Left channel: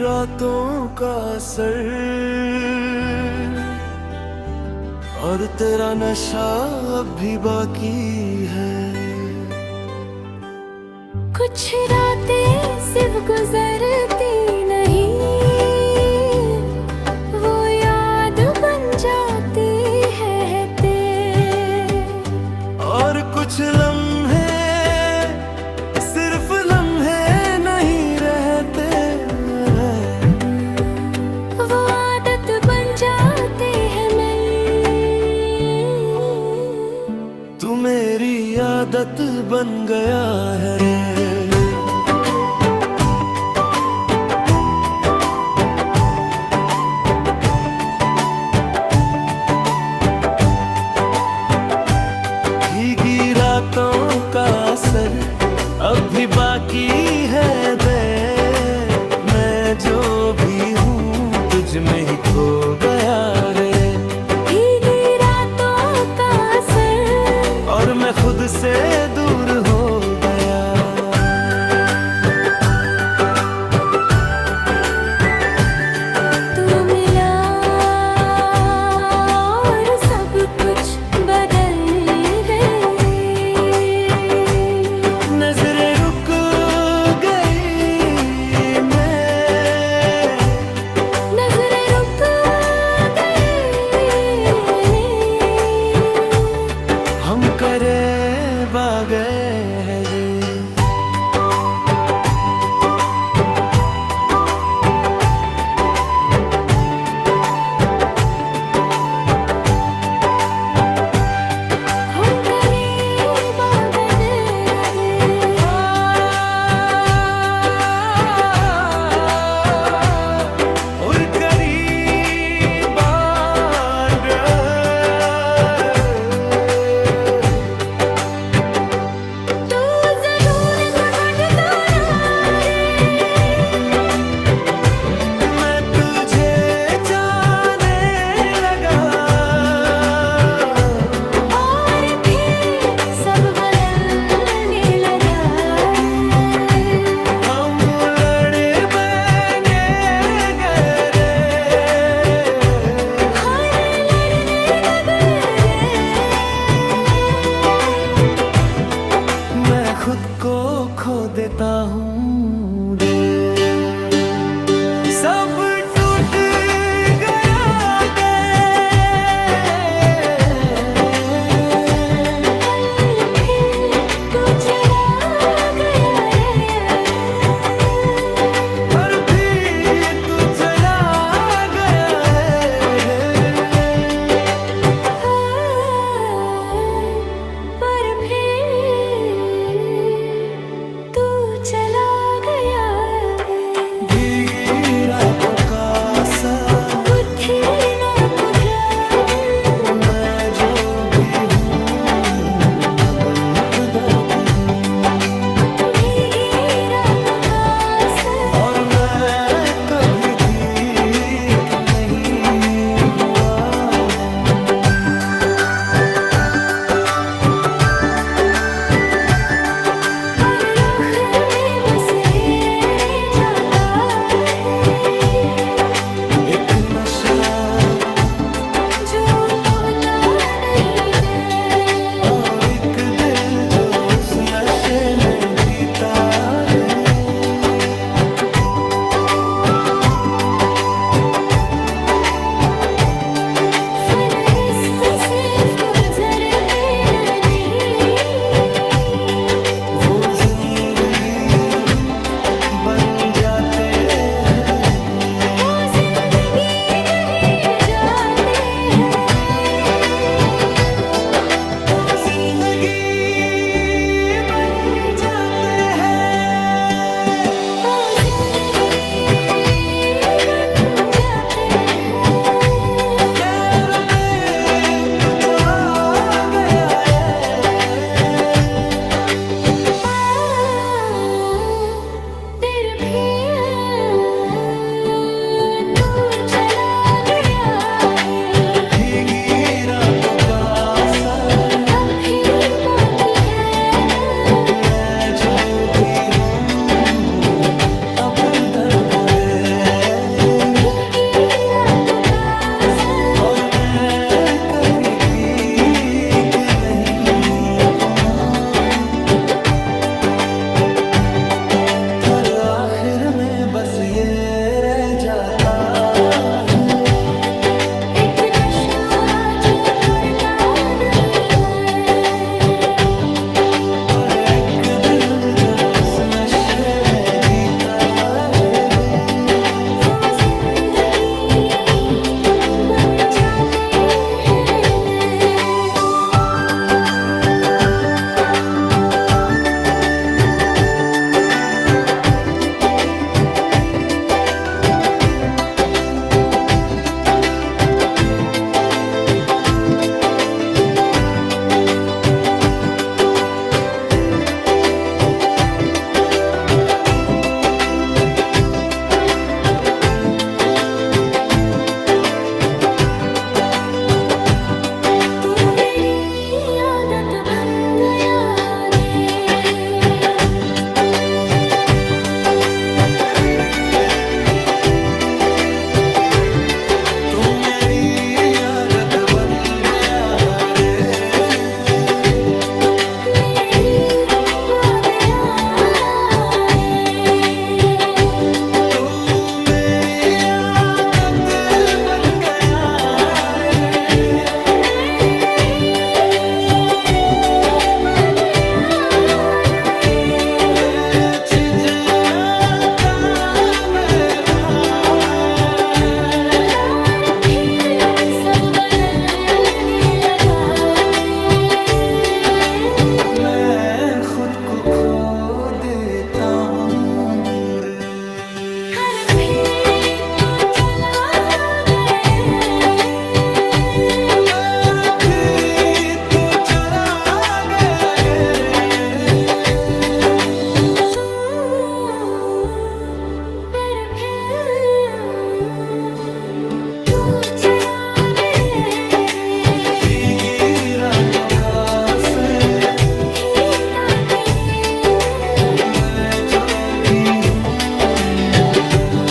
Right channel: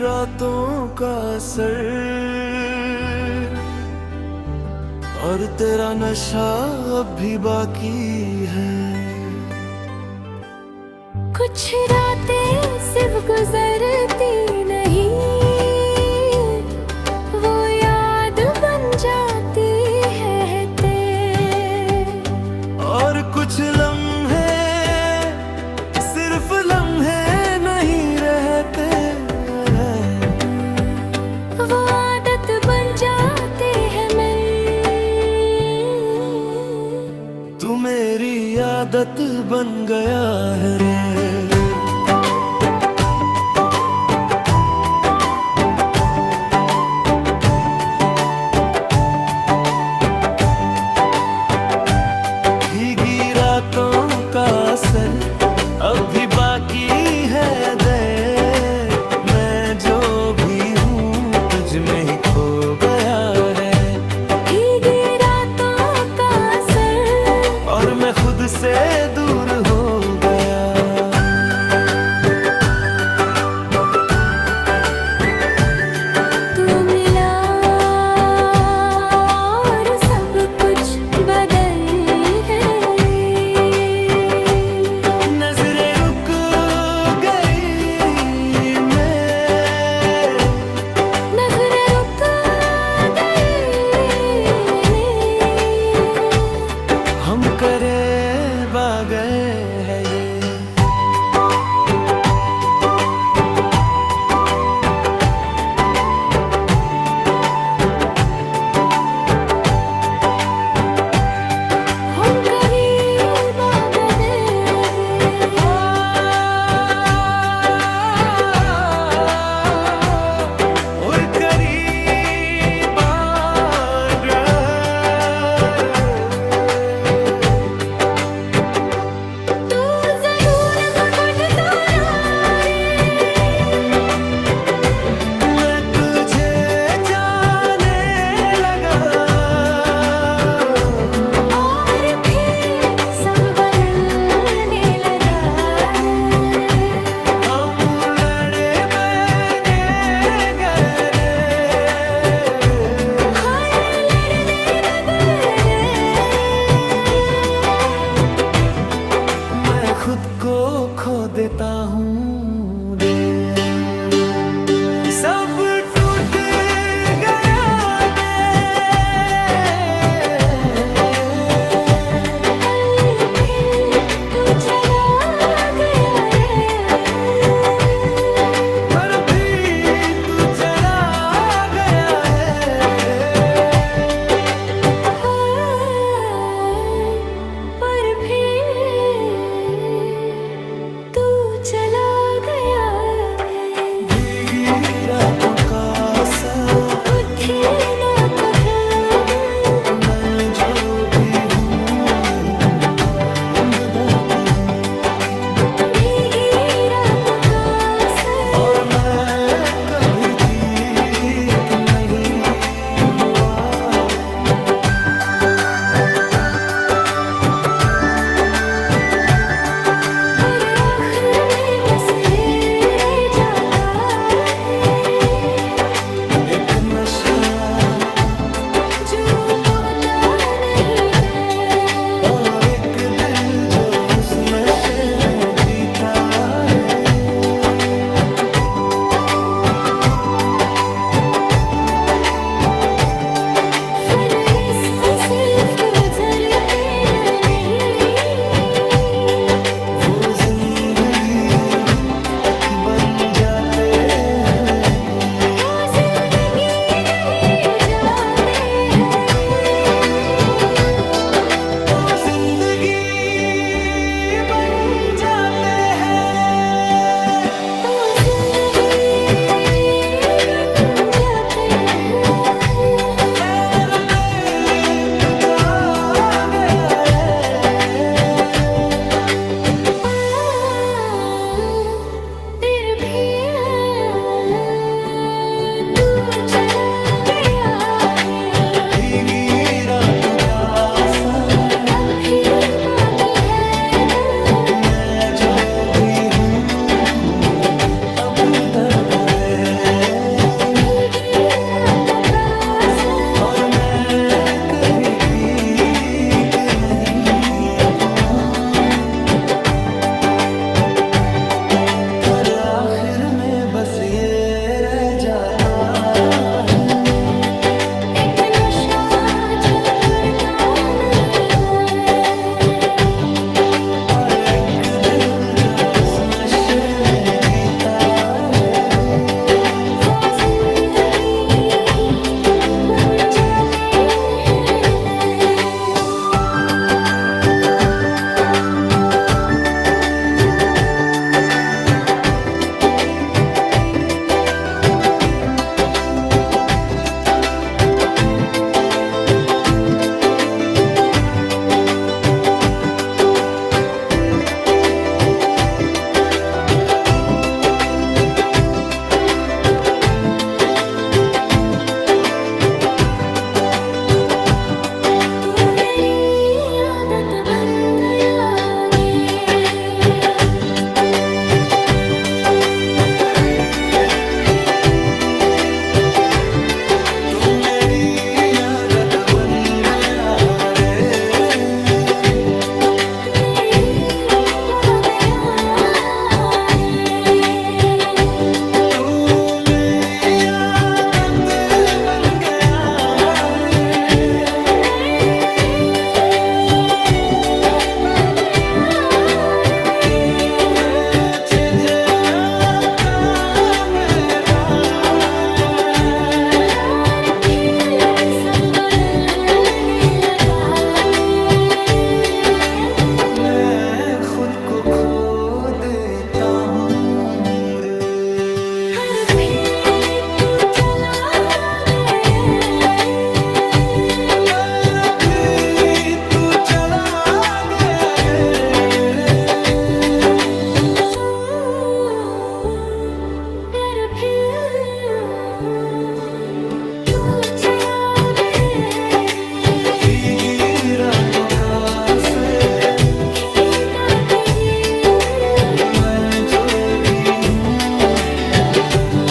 रातों का असर और तेरा नशा अब भी बाकी है। कुछ रातें सिर्फ गुजरती नहीं, वो याद बन जाती है तेरे। और कुछ लम्हे सिर्फ लम्हे नहीं रहते, वो आदत बन जाते हैं मेरी। तू मेरी आदत बन गया है रे। भीगी रातों का असर अब भी बाकी है दे, मैं जो भी हूँ तुझ में ही खो गया है। भीगी रातों का असर और मैं खुद से दूर हो गया। तू मिला और सब कुछ बदल गई। नजरें रुक गई, नजरें रुक गई, हम करीब आ गए हैं ये। हम करीब आ गए। और करीब आ गए। तू ज़रूर पकड़ता ना रे, मैं तुझे जाने लगा और फिर सब बदलने लगा रे। हम लड़े बने गए रे। हर लड़ने लगे रे। मैं खुद को खो देता हूँ रे। सब टूट गया दे, पल फिर तू चला गया रे। पर भी तू चला गया है रे। पर फिर तू चला गया है। भीगी रातों का असर, कुछ ना कुछ दिन, मैं जो भी हूँ अब बदल हूँ। भीगी रातों का असर और मैं कभी ठीक नहीं हुआ। और आखिर में बस ये रह जाता है, एक नशा जो टूटता नहीं है। और एक दिल जो उस नशे में जीता है। फन रिश्ता सिर्फ गुजरते नहीं, वो जिंदगी बन जाते हैं भी। वो जिंदगी नहीं जाते हैं। वो जिंदगी बन जाते हैं। वो जिंदगी बन जाते हैं। पैर पे तू जा गया है। फिर भी तू चला गया है। भीगी रातों का असर, अब भी बाकी है दर्द। मैं जो भी हूँ अब तन भूले। बस ये रह जाता है। एक नशा जो करता नहीं है, और एक दिल जो उस नशे में जीता है। वो जिंदगी बन जाते हैं। तू मेरी आदत बन गया रे, तुम मेरी आदत बन गया रे। मेरी वादया रे। तू मेरी आदत बन गया रे। बेझिझका मेरा सब बदलने लगा दे। मैं खुद को खो देता हूँ रे। हर फिर तू चला गए, और भी तू चला गया फिर तू चला गए। भीगी रातों का असर, भीगा तुझे मैं जो भी हूँ मेरा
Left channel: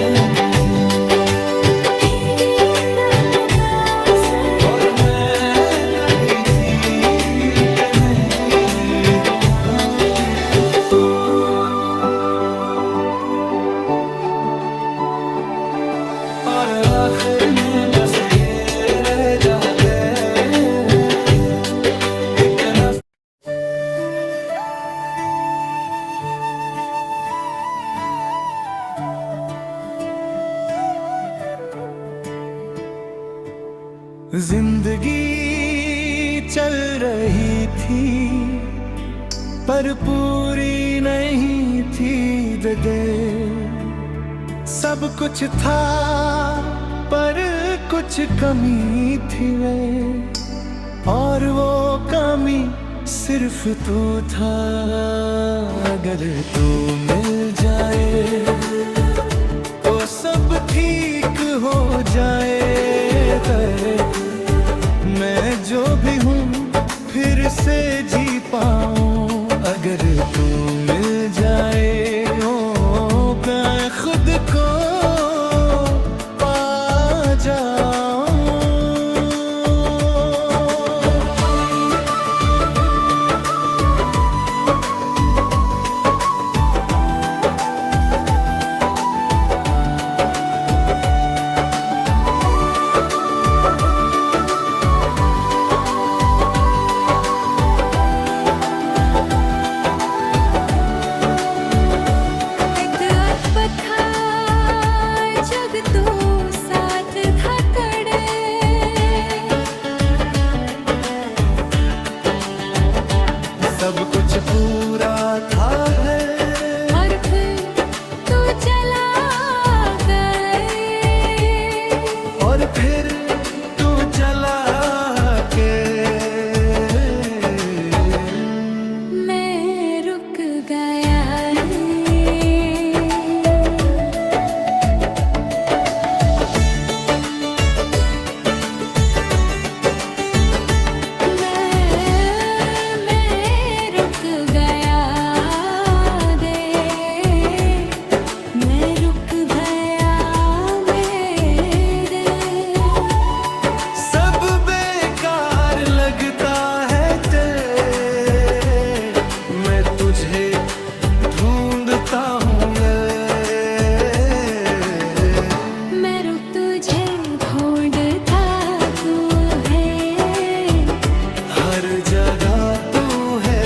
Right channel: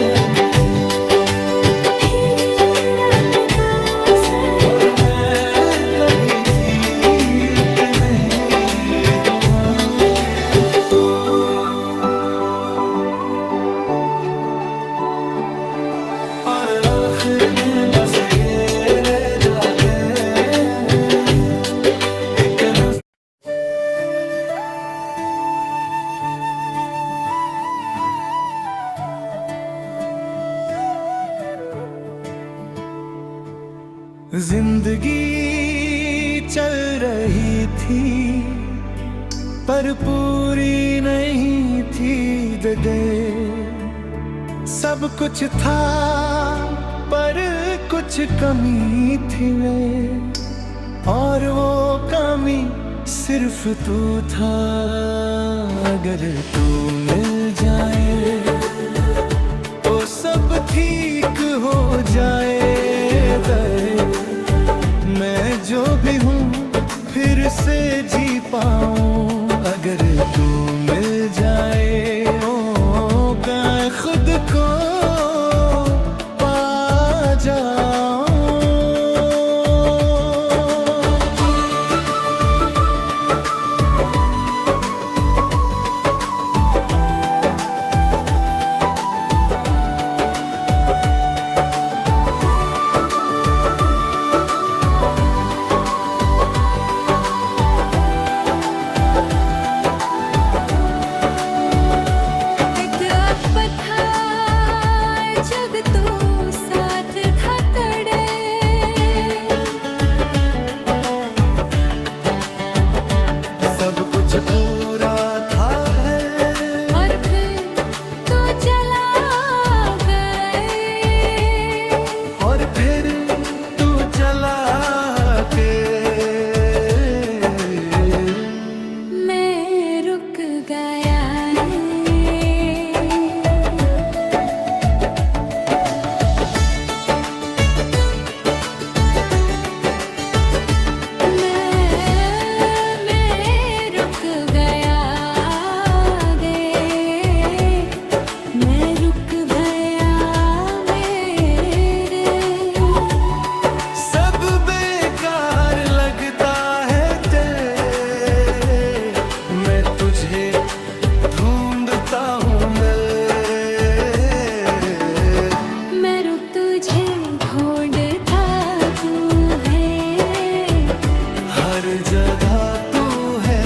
दर्द भी। भीगी रातों का असर। और मैं कभी ठीक नहीं हुआ। और आखिर में बस ये रह जाते हैं एक न जिंदगी चल रही थी पर पूरी नहीं थी डगर। सब कुछ था पर कुछ कमी थी वे, और वो कमी सिर्फ तू था। अगर तू मिल जाए तो सब ठीक हो जाए। मैं जो भी हूँ फिर से जी पाऊँ। अगर तू मिल जाए मैं खुद को पा जाऊँ। सब कुछ पूरा था और फिर तू चला गए। और फिर तू चला के मैं रुक गया मैं रुक गया तरह तू है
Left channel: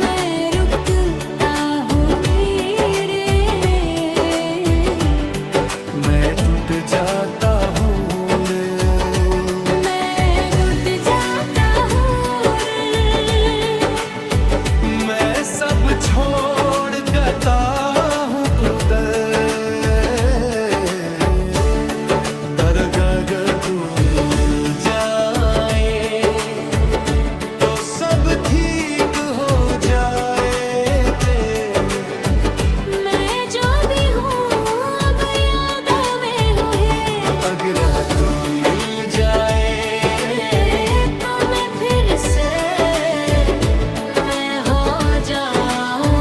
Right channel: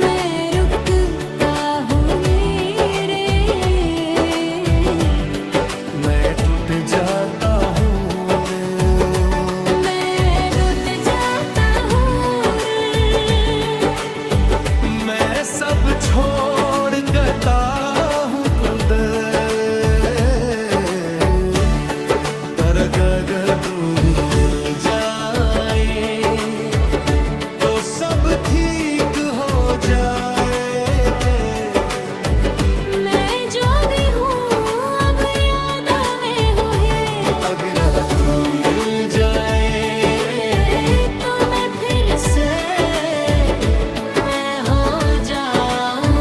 मैं रुकता हूँ मेरे, मैं टूट जाता हूँ रे। मैं टूट जाता हूँ रे। मैं सब छोड़ देता हूँ दरगाह अगर तू मिल जाए तो सब ठीक हो जाए। मैं जो भी हूँ अब यादों में हूँ है। अगर तू मिल जाए तो मैं फिर से मैं हो जाऊँ।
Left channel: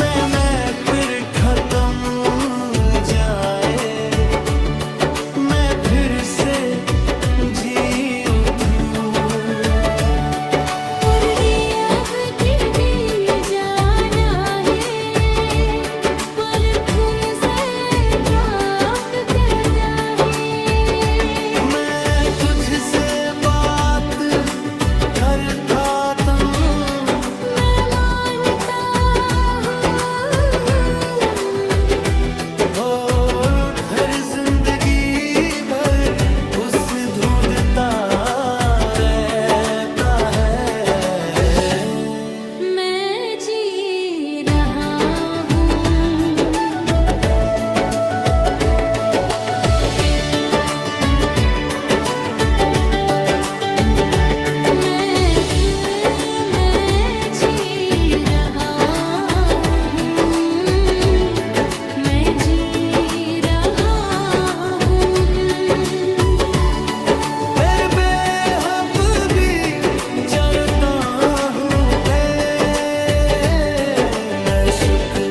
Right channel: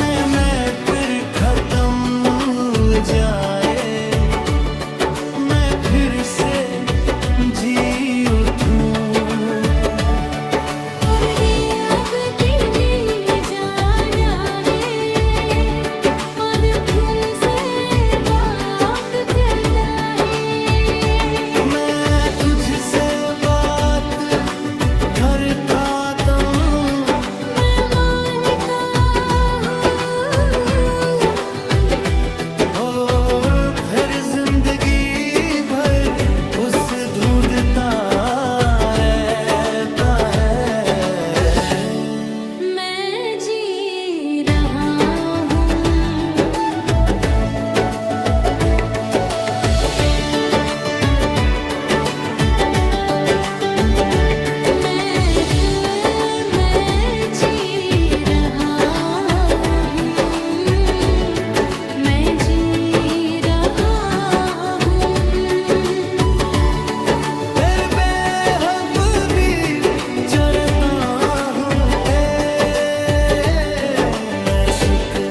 मैं फिर खत्म जाए, मैं फिर से जी उठूं। और ये अब दिल जाना है, पर फिर से बाप कहता है। मैं तुझसे बात करता हूँ, मैं मानता हूँ और फिर जिंदगी भर उस ढूंढता रहता है। मैं जी रहा हूँ। मैं जी रहा हूँ। मैं जी रहा हूँ। फिर बेहब भी चरता हूँ मैं शुक्र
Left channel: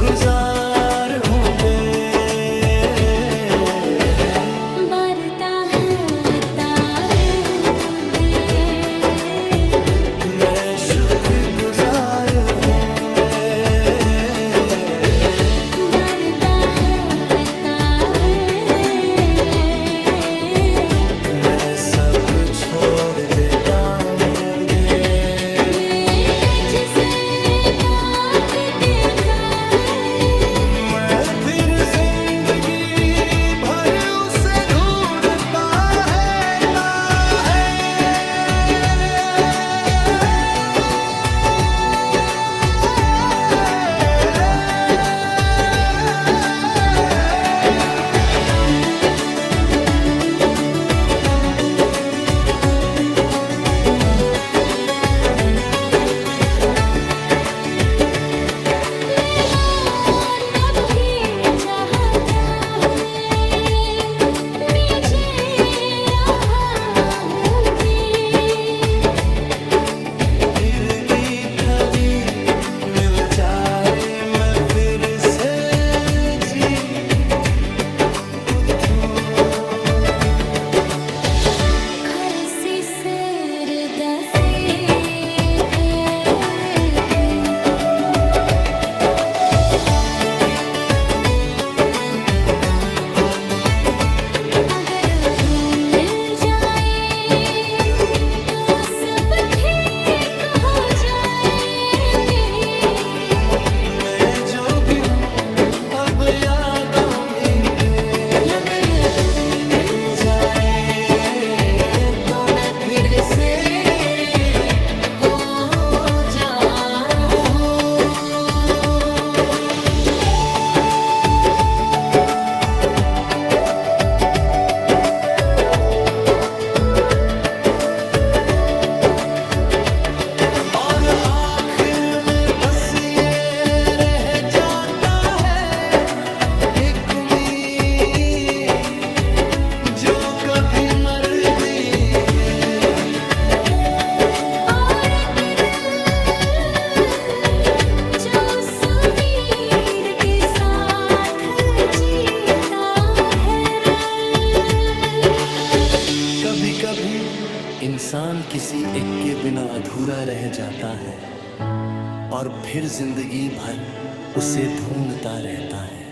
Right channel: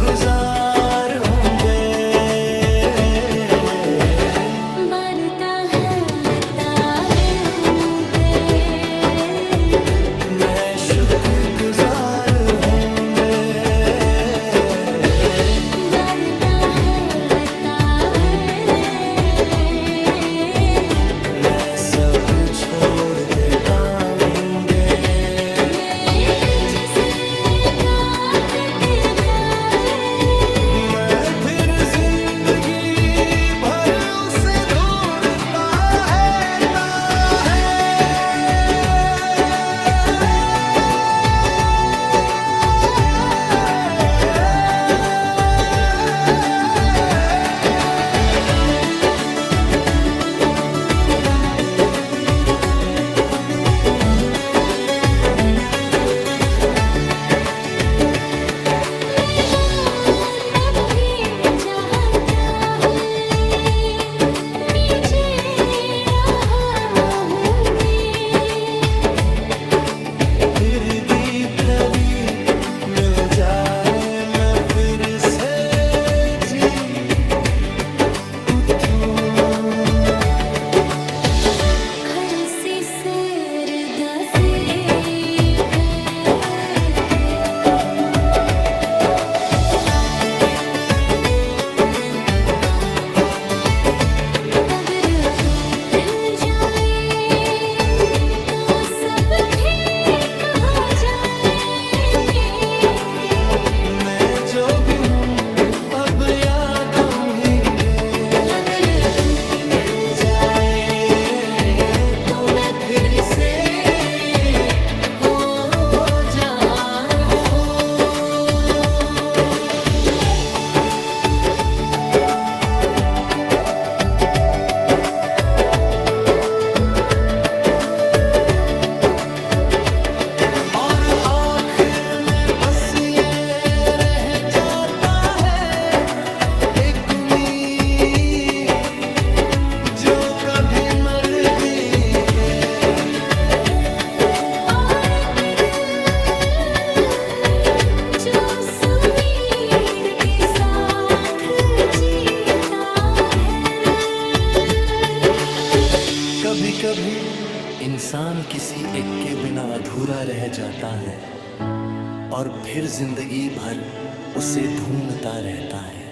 गुजार हूँ बरता है लेता है दे। मैं शुक्र गुजार हूँ बरता है लेता है। मैं सब छोड़ देता हूँ मैं तुझसे काट देता है। मैं फिर जिंदगी भर उसे ढूंढता मैं बांधव की चाहता है, नीचे रहा हूँ मैं। फिर गीत थवी मिल जाए मैं फिर से जी उठूं। खरसी सैर दसे अगर तू मिल जाए तो सब ठीक हो जाए। मैं जो भी हूँ अब यादों में अगर तू मिल जाए तो मैं फिर से हो जाऊँ। और आखिर में बस ये रह जाता है एक उम्मीद जो कभी मरती है। कभी कभी इंसान किसी एक के बिना अधूरा रह जाता है और फिर जिंदगी भर उसे ढूंढता रहता है।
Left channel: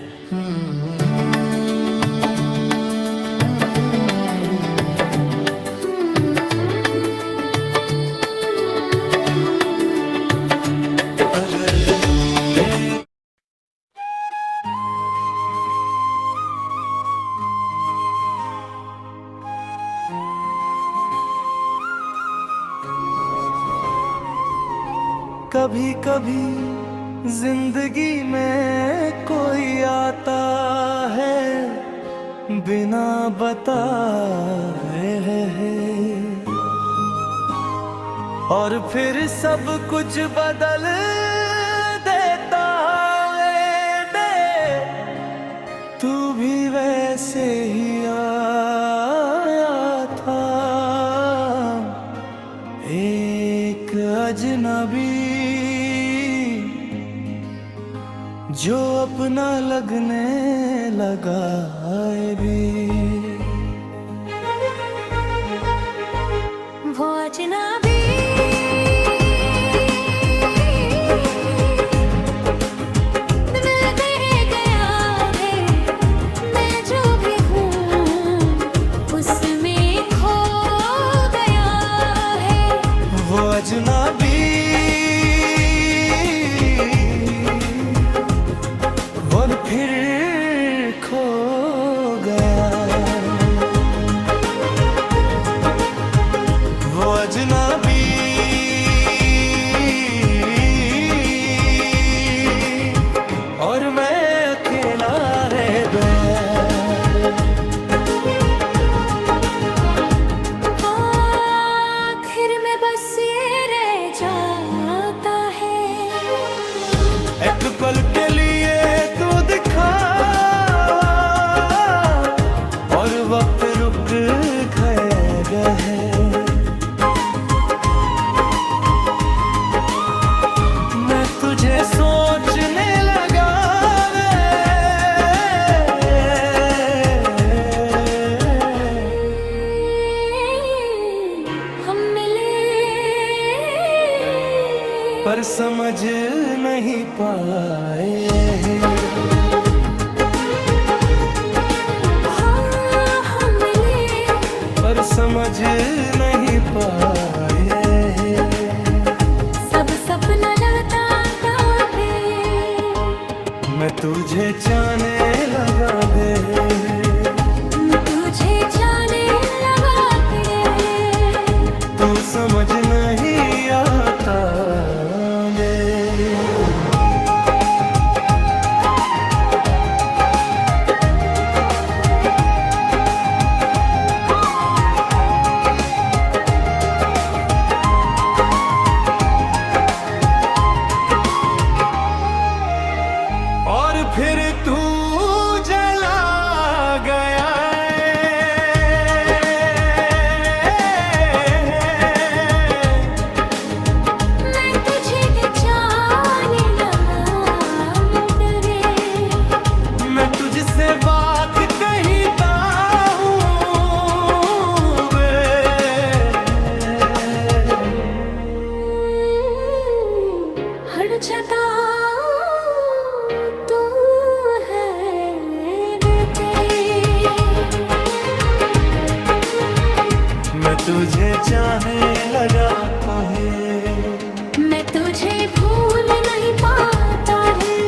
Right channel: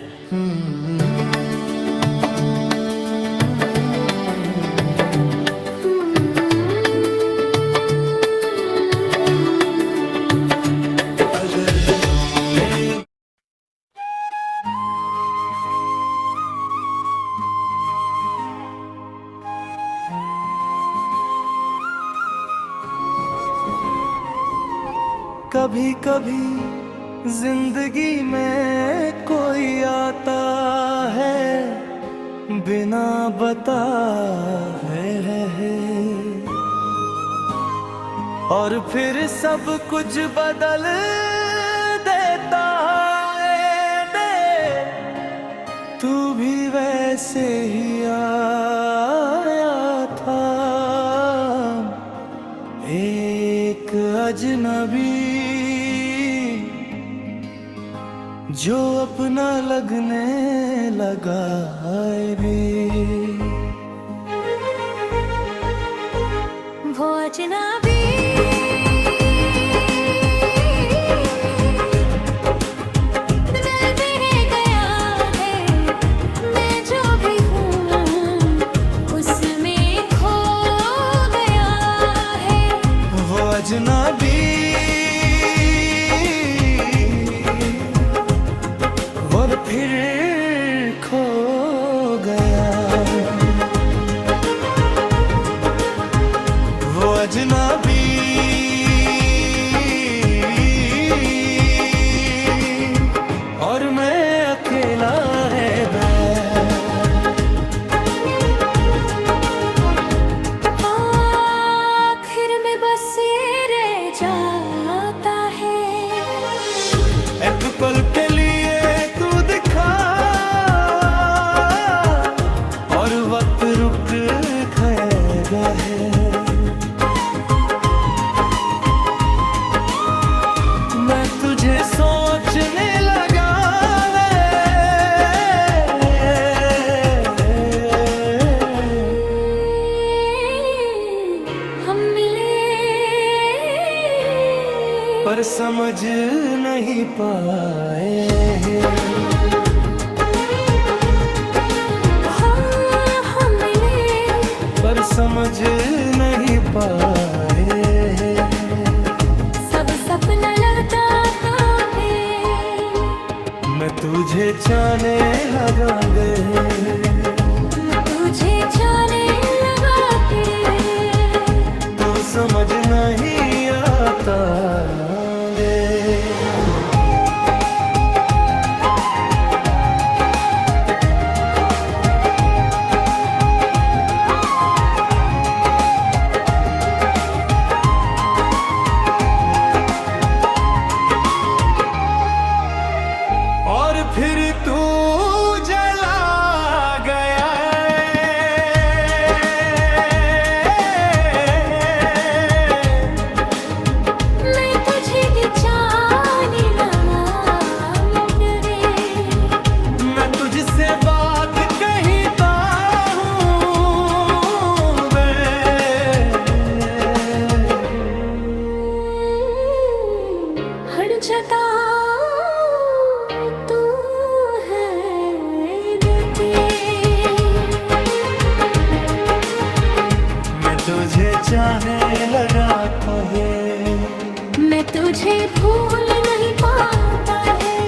अगर तूने कभी कभी जिंदगी में कोई आता है बिना बताए और फिर सब कुछ बदल देता है। तू भी वैसे ही आया था, एक अजनबी जो अपना लगने लगा है भी। वो अजनबी दिल दे गया है, मैं जो भी हूँ उसमें खो गया है। वो अजनबी और फिर खो गया। वो अजनबी और मैं अकेला रह गया। आखिर में बस ये रह जाता है, एक पल के लिए तू दिखा और वक्त रुक गया है। मैं तुझे सोचने लगा हम मिले पर समझ नहीं पाए। हाँ, हम मिले पर समझ नहीं पाए। सब सपना लगता है, मैं तुझे चाहने लगा गे। तुझे जाने लगा फिर, तू समझ नहीं आता गे। और फिर तू जला गया। मैं तुझे जाने लगा तेरे, मैं तुझसे बात कहता हूँ वे। हर जगह तू है देते, मैं तुझे चाहने लगा था है। मैं तुझे भूल नहीं पाता है।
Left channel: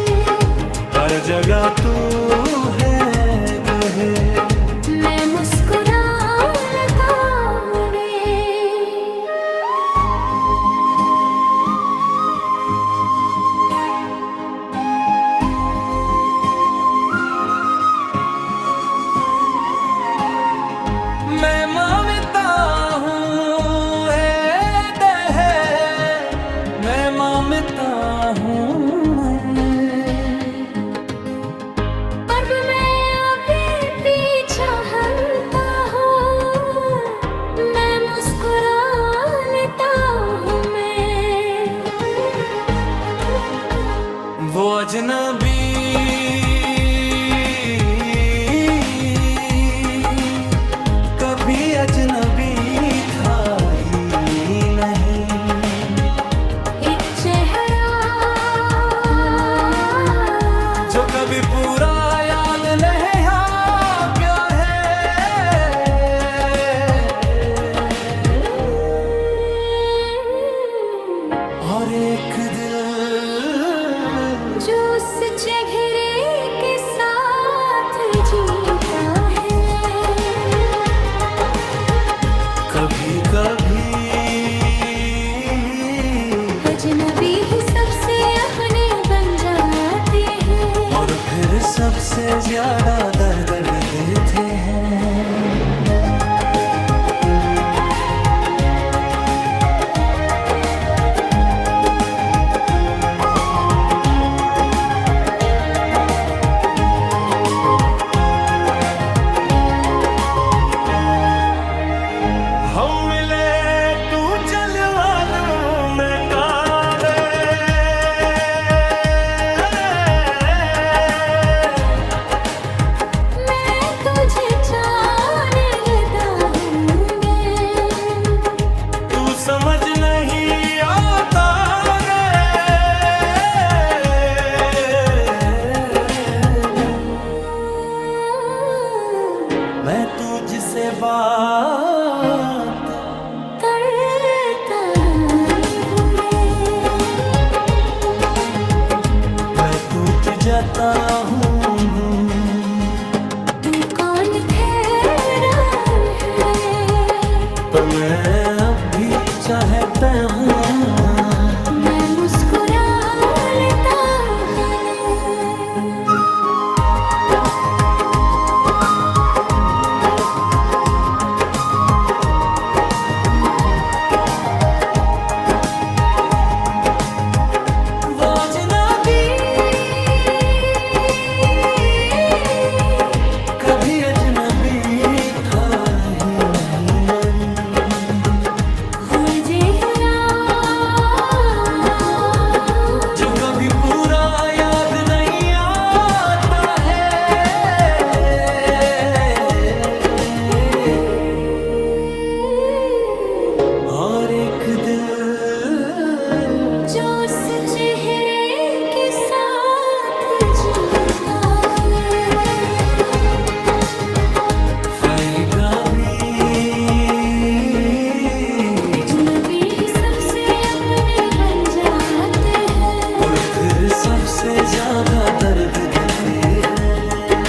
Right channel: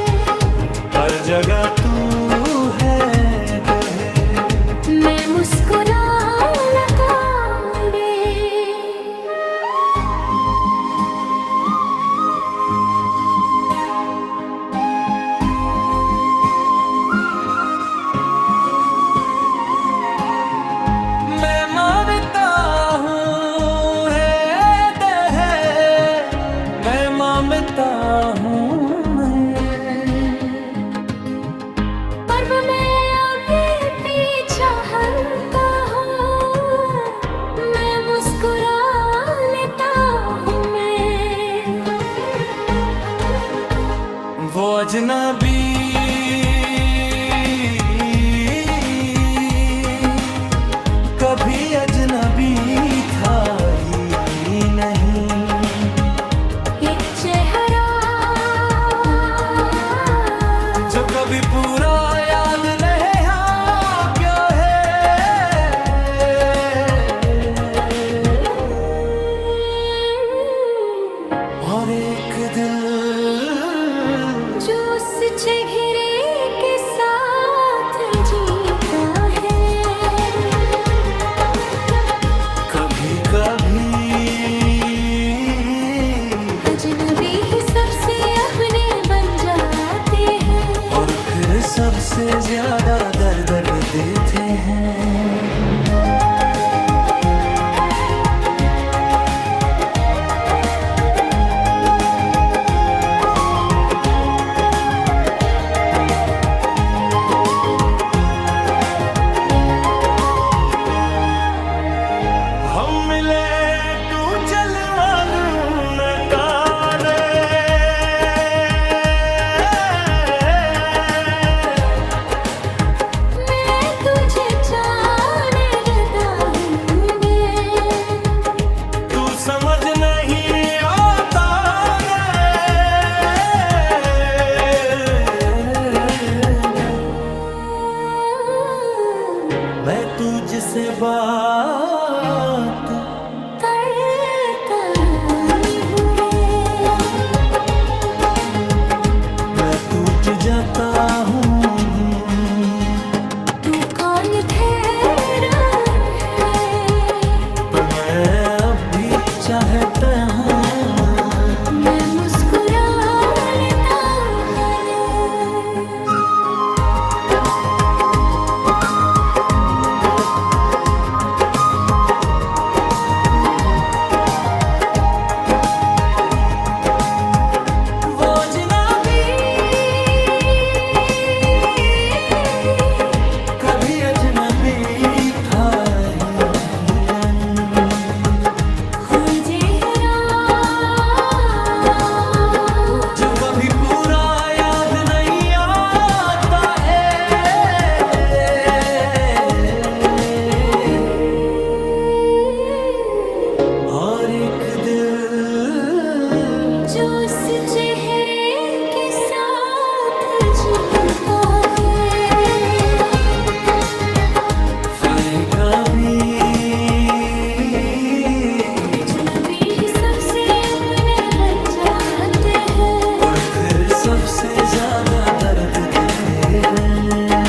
हर जगह तू है तो है। मैं मुस्कुरा लगा रे, मैं मांगता हूँ है दे, मैं मांगता हूँ पर मैं अभी पीछा हटता हूँ। मैं मुस्कुरा लेता हूँ मैं। वो अजनबी कभी अजनबी था ही नहीं। एक चेहरा जो कभी पूरा याद नहीं आ गया है। और एक दिल जो उस चेहरे के साथ जीता है। कभी कभी अजनबी ही सबसे अपने बन जाते हैं। और फिर सबसे ज्यादा दर्द देते हैं। हम मिले तू जलवा दूं मैं तारे। मैं तुझे जाने लगा हूँ रे। तू समझ नहीं आता मैं तुझसे बात करता हूँ रे। मैं टूट जाता हूँ। तू कौन ठहरा है। पर मैं अब भी चाहता हूँ। मैं मुस्कुरा लेता हूँ हमें। वो अजनबी कभी अजनबी था ही नहीं। हूँ चेहरा जो कभी पूरा याद नहीं आता है। और एक दिल जो उस चेहरे के साथ जीता है। कभी कभी अजनबी ही सबसे अपने बन जाते हैं। और फिर सबसे ज्यादा दर्द देते हैं।